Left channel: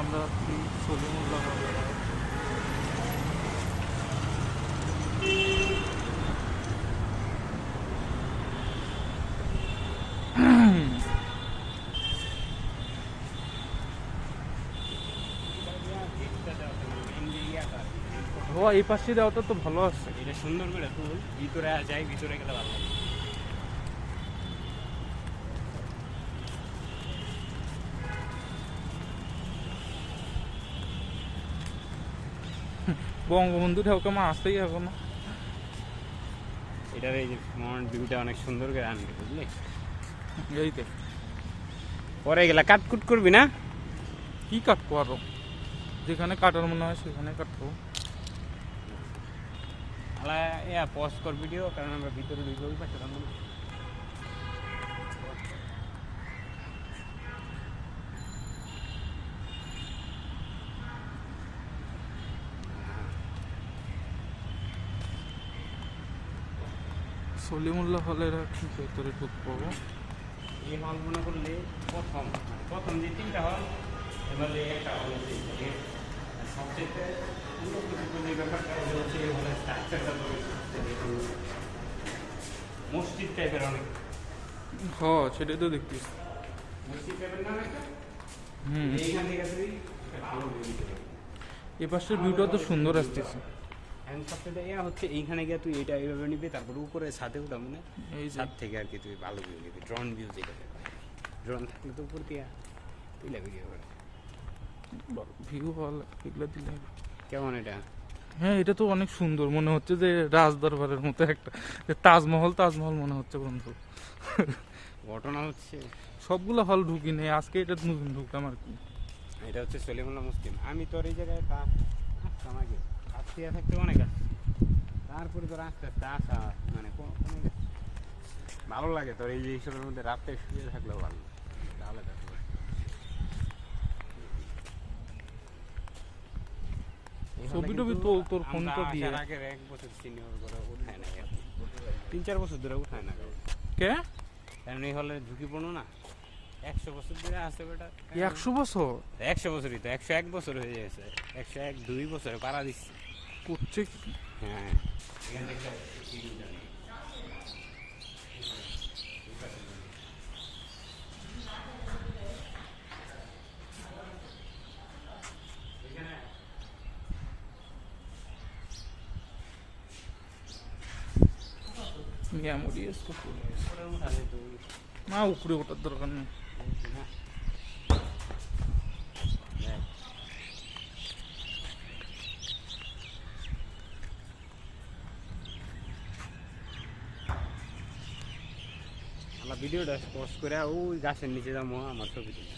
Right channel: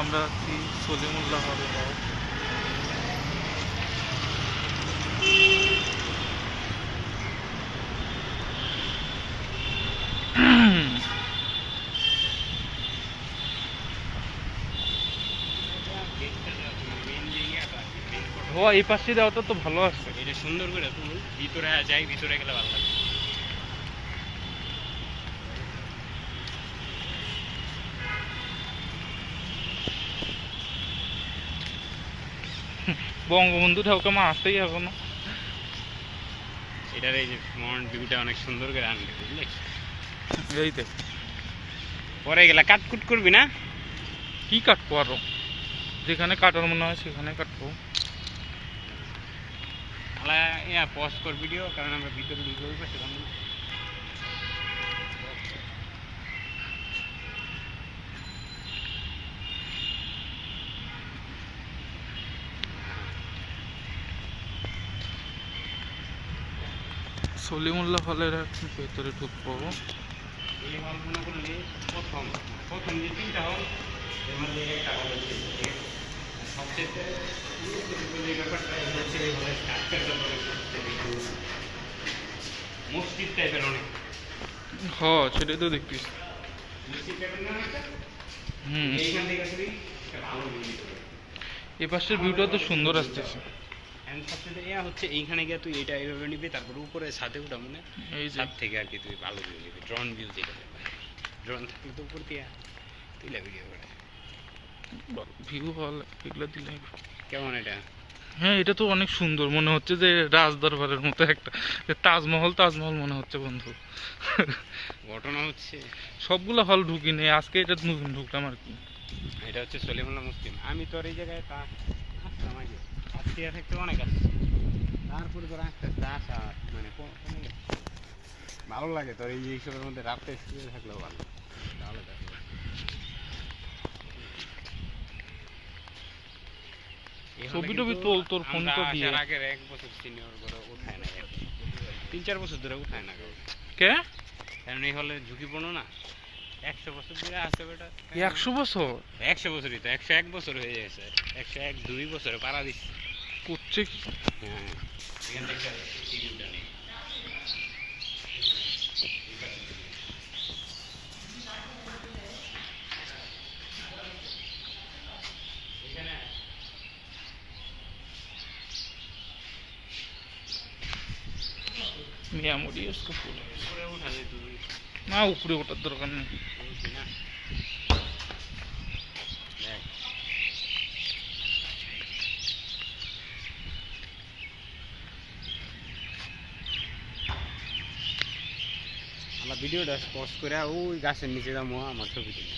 আমরা আছি সলিমুল্লাহ হল। ও এই পাশে দেওয়াটা তো ভালো আছে, এটা সুন্দর করে ফুল ভিতরে যাই, ভিতরে গেলে ভালো লাগে। বঙ্গবন্ধু ঠাকুর মা আসতেই এখনো। এটার এই যে ফ্রন্ট ভিউটা অনেক সুন্দর করে আনবে, বুঝলি? এই দেখ পরে গেলে কাটকুট করবি না? কি কাটবো আরো, যেখানে কাটার মনে হয় সেখানে কাটবো। পজ কর ভিডিও, কারণ আমরা ভিতরে ঢুকবো সেরকম। সলিমুল্লাহ হলের এখন ভেতরে ঢুকবো। এই হল মনে করলে প্রথম প্রথম যে তিনটা হল, এর মধ্যে একটা হল সবচেয়ে উল্লেখযোগ্য যে ব্যাপারটা হচ্ছে এই হলের স্ট্রাকচারটা মসজিদ টাইপের অনেক। হ সেটাই তো দেখতিস। মসজিদ টাইপের না একটা? হুম, এইখান থেকে আসলে একটা ভালো ভিউ। এ পাশের ভিউটা তো সুন্দর আসতেছে। এখন সবচেয়ে ইয়া হচ্ছে এইখানে গিয়ে তুই এটা এইভাবে নিবি, তারপর উপরে ছাদে উঠা মানে এই যে ছাদ থেকে আর কি তুই ভালো ভিউ নিবি, ড্রোন ভিউ যেটা। ড্রোন থাকলে তো উপর দিয়ে তুইলা ভিডিও করে। ভিউ হল এগুলো দিলে কেমন এটা? হ্যাঁ, এটা তো অনেক সুন্দর, মনে হচ্ছে যে রাজদরবারের মতো একটা তাজমহল তাজমহল মনে হচ্ছে বন্ধু। ঘটনা হচ্ছে সবগুলো হল ঢুকি নেই, আজকে এটা নতুন ঢুকলাম আর কি। এটা হচ্ছে সলিমুল্লাহ মুসলিম। আমি তোর এই জায়গায় আসতাম আগে, আসতে থাকতে অনেক আসছি, তারপরে তোর আস্তে আস্তে আসা মানে কোনো ভালো লাগে। তোর এই যে এইসবের মধ্যে রাতটা স্কুলে থাকলেও ভালো ভালো থাকে। ছবি টবি তোল তোর ফোনটা দিয়ে। আগের 1 বছর সিনিয়র করে উঠায় না, 3-4 বছর ধরে উঠায় না, কে কারণ এই হলে ঝুঁকিপূর্ণ না। 100 বছর ধরে আছে ওটা। 100 বছর 100 বছরই তো, 101 বছর হয়ে যায় স্যার, 101-2 বছরে পাড়া দিচ্ছে। করছে কি? হ্যাঁ, এখান থেকে টিভিটা নেই। মেমোরি इसको ফুলে উপরে উঠালে তুই না, উপরে ওঠার দরকার নেই। বলছি না। দেখ, আমরা ভিডিওটা পোস্ট করে ওই গাছের নিচে যাবো, আমার ছবি তুলি।